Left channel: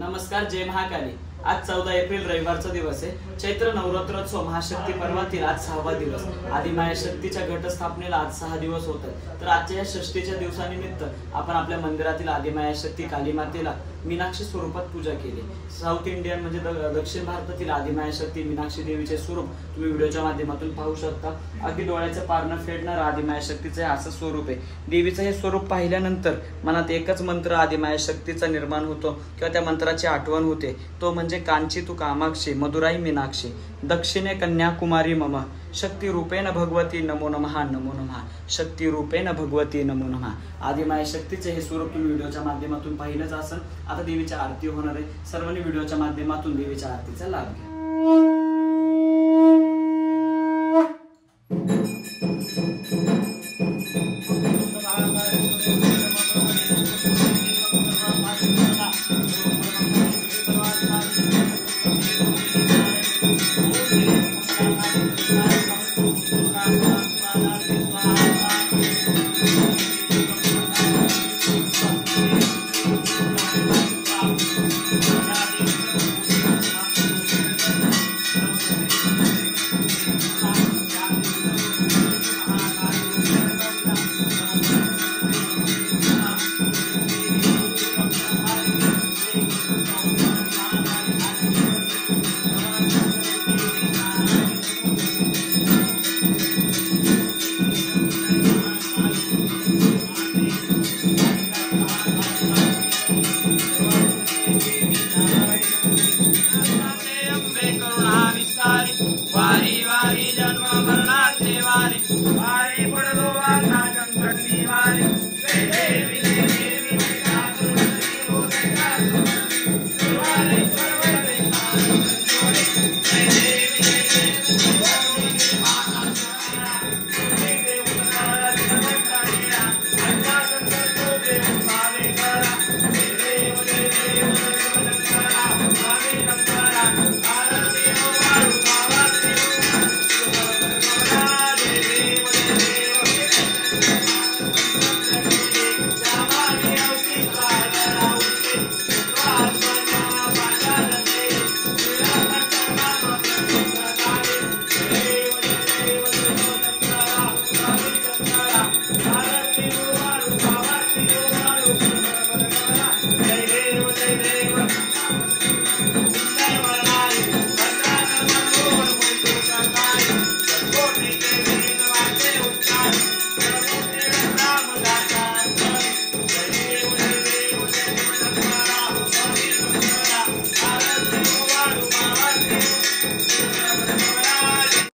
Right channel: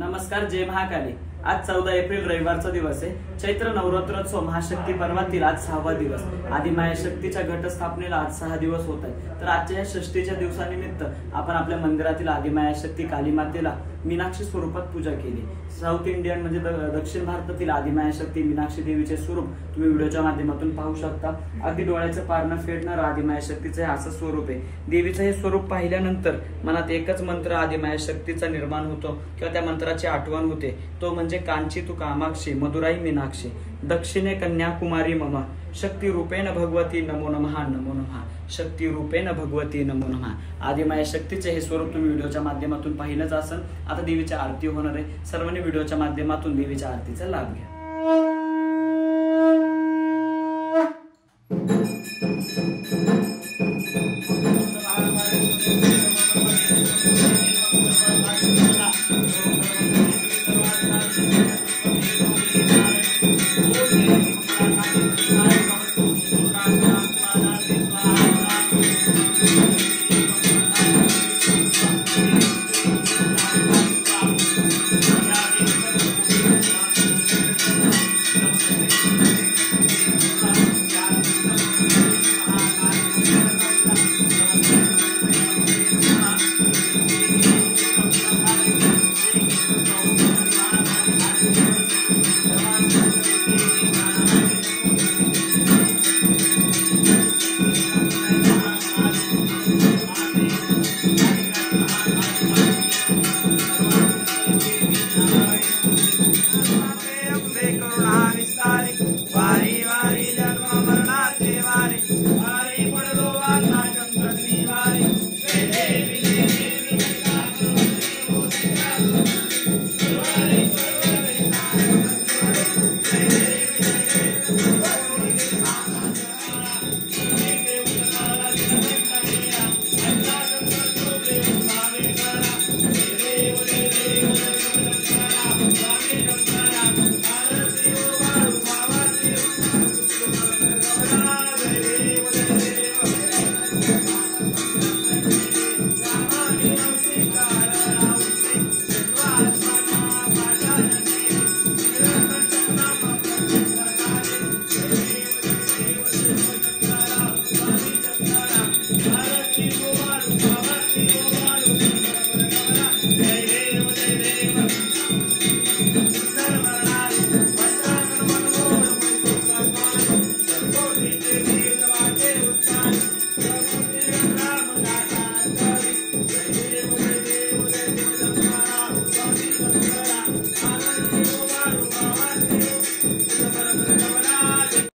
नमस्कार, जय महाकाली। आज 14 एप्रिल रविवारचा दिवस आहे। चैत्र नवरात्रोत्सव महाशक्ती पर्वातील आज 6वा दिवस। आदिमाया शक्तीच्या घटस्थापनेला आज 6 दिवस होत आहेत। तर आजच्या या षष्टीच्या दिवसानिमित्त आपण आपल्या मंदिरातील आदिमाया शक्ती काली मातेला मीनाक्षी स्वरूपात पूजा केली। साऊथ इंडियन म्हणजे दक्षिण भारतातील आदिमाया शक्ती मीनाक्षी देवीचे स्वरूप तुम्ही व्हिडिओच्या माध्यमातून पाहू शकता। अगदी डोळ्याचं पारणं फेडणारं आदिमाया शक्तीचे असं स्वरूप आहे। देवीचं हे स्वरूप पाहिल्यानंतर मनात एकच मंत्र आदिमाया शक्तीचा निर्माण होतो किंवा त्या मंत्राची आठवण होते, तो म्हणजे कांची तू कामाक्षी मधुराई मीनाक्षी दक्षिणे कन्याकुमारी मम शक्ती रूपेण भगवती नमो नमः नमो नमः शक्ती रूपेण भगवती नमो नमः। आदिमाया शक्तीचे हे स्वरूप तुम्ही व्हिडिओच्या माध्यमातून पाहिलंच असेल। आता देवीची आरती होणार आहे। सर्वांनी व्हिडिओच्या माध्यमातून देवीच्या आरतीचा लाभ घ्या।